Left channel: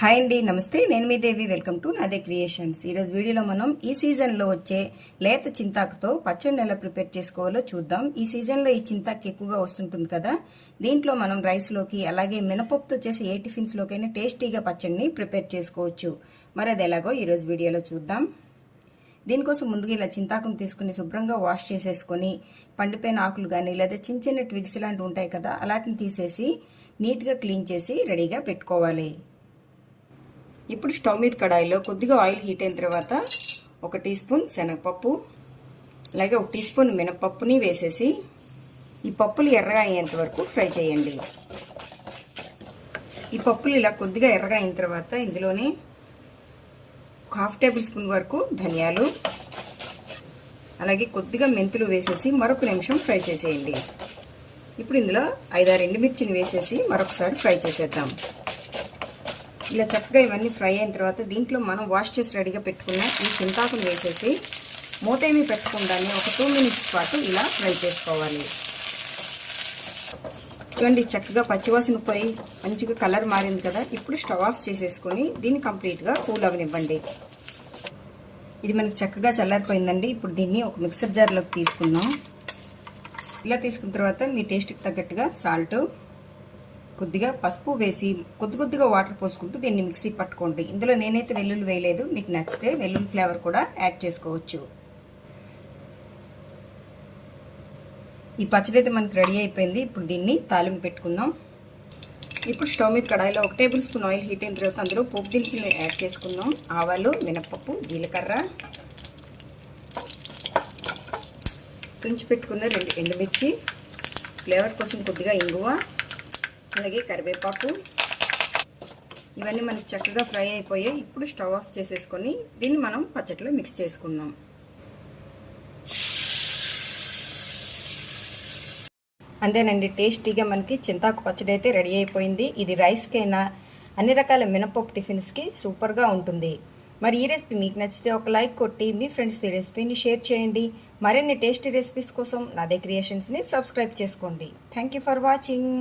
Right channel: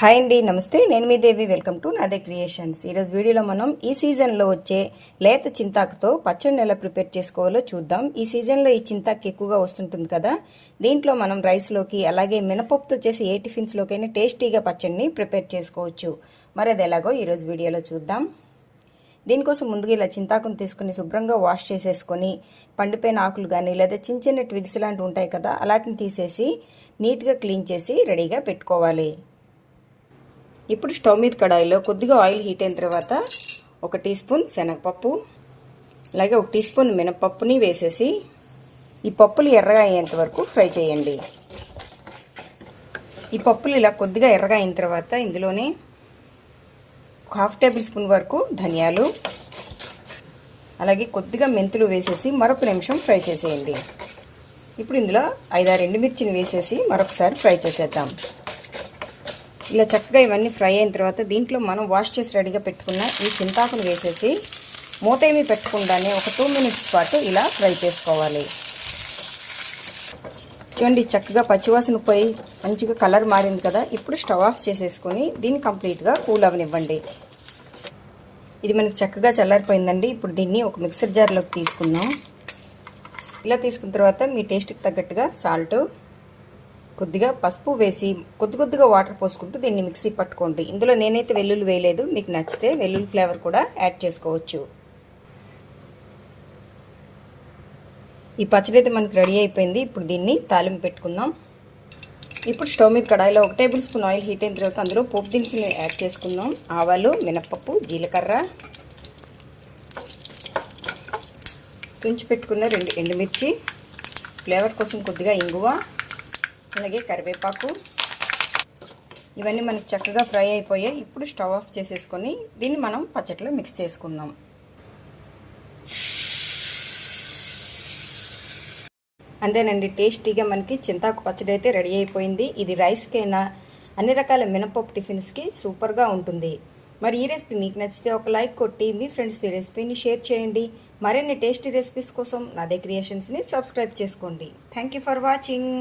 Hi అండి, నమస్తే. నేను మీ దేవి. వెల్కమ్ టు నాదే క్రియేషన్స్. ఈరోజు వీడియోలో మనం ఈ సీజన్లో వచ్చే లేత చింతాకుతో పచ్చడిని ఎలా ప్రిపేర్ చేసుకోవాలో చూద్దాం. ఈ సీజన్లో ఈ చింతాకు ఎక్కువగా వస్తుంటుంది కదా, దీంట్లో మనం రైస్లోకి అలాగే మినపప్పుతో చేసి ఏ టిఫిన్స్లోకైనా టేస్టీగా పచ్చడిని ప్రిపేర్ చేసుకోవచ్చు. మరి అది ఎలాగో ఈరోజు వీడియోలో చూద్దాం. దీనికోసం ముందుగా ఇలా చింతాకును తీసుకుని శుభ్రంగా వాష్ చేసేసుకొని పండిపోయిన ఆకులు కానీ లేదా చిన్న చిన్న ట్విగ్స్ లాంటివి ఉంటాయి కదా, అలాంటిని తీసేసి నీట్గా క్లీన్ చేసి రెడీగా పెట్టుకోవాలి. ఇప్పుడు స్టవ్ మీద కడాయిలో కొద్దిగా ఆయిల్ హీట్ అయిన తర్వాత 1 టీ స్పూన్ శనగపప్పు అలాగే 1 టీ స్పూన్ మినపప్పుని వేసేసి ఈ పప్పులు ఎర్రగా అయ్యేంత వరకు ఫ్రై చేయండి. ఈ పప్పులు ఇలా కొద్దిగా ఎర్రగా అయిన తర్వాత ఇందులోనే 1/2 టేబుల్ స్పూన్ వరకు ధనియాలు అలాగే కొద్దిగా మెంతులు వేసేసి మరొక నిమిషం ఫ్రై చేసేయండి. ఇప్పుడు ఇందులో 5-6 ఎండుమిర్చిని వేసేసి మరొకసారి ఫ్రై చేసేద్దాం. ఇలా చక్కగా ఇవన్నీ ఫ్రై అయిన తర్వాత దీంట్లో మనం వాష్ చేసి రెడీగా పెట్టుకున్న ఈ చింతాకును వేసేసి మూత ఏమీ పెట్టకుండానే ఒక 2 మినిట్స్ పాటు ఇలా ఫ్రై చేసుకోవాలి. చూడండి, చక్కగా పచ్చివాసన పోయి మంచిగా కలర్ మారింది కదా. ఇప్పుడు స్టవ్ ఆఫ్ చేసేసుకొని దీన్ని కంప్లీట్గా కూల్ అవనివ్వండి. ఇది మనకి చక్కగా చల్లారిపోయిందండి. ఇప్పుడు దీన్ని ఒక మిక్సర్ జార్లోకి తీసుకుందాం. ఇలా తీసుకున్న తర్వాత మీ టేస్ట్కి తగ్గట్టుగా సాల్ట్, కొద్దిగా పసుపు వేసి కొద్దిగా వాటర్ పోసుకుంటూ దీన్ని మిక్సీ పట్టుకోండి. ఇందులో నేనైతే వెల్లుల్లి వేయలేదు, మీకు నచ్చితే వెల్లుల్లి ఫ్లేవర్ కూడా యాడ్ చేసుకోవచ్చు. ఈ పచ్చడి అయితే మనకి రెడీ అయిపోయింది. ఇప్పుడు దీన్ని తాలింపు పెట్టుకుందాం. ఇప్పుడు స్టవ్ మీద కడాయిలో 1 టేబుల్ స్పూన్ ఆయిల్ హీట్ అయిన తర్వాత అందులో పోపు దినుసులు యాడ్ చేసుకుందాం. ఆవాలు, మినపప్పు, జీలకర్ర, తుంచి పెట్టుకున్న 2 ఎండుమిర్చి, ఫ్లేవర్ కోసం కొద్దిగా ఇంగువ అలాగే కరివేపాకు, ఇవన్నీ మనకి చక్కగా ఫ్రై అయిపోయాయి. ఇప్పుడు స్టవ్ ఆఫ్ చేసేసుకొని దీన్ని మనం పచ్చడిలో మిక్స్ చేసుకుందాం. అంతేనండి, టేస్టీగా మనకి చింతాకు పచ్చడి అయితే రెడీ అయిపోయింది. ఇది రైస్కైనా అన్ని రకాల మినపప్పు టిఫిన్స్కి సూపర్గా ఉంటుంది. మరి ఈ రెసిపీ మీకు నచ్చితే ఒక లైక్ కొట్టి మీ ఫ్రెండ్స్తో ఈ రెసిపీని షేర్ చేయండి. మరిన్ని టేస్టీ రెసిపీస్ కోసం నాదే క్రియేషన్స్ని సబ్స్క్రైబ్ చేసుకోండి. Thank you for watching.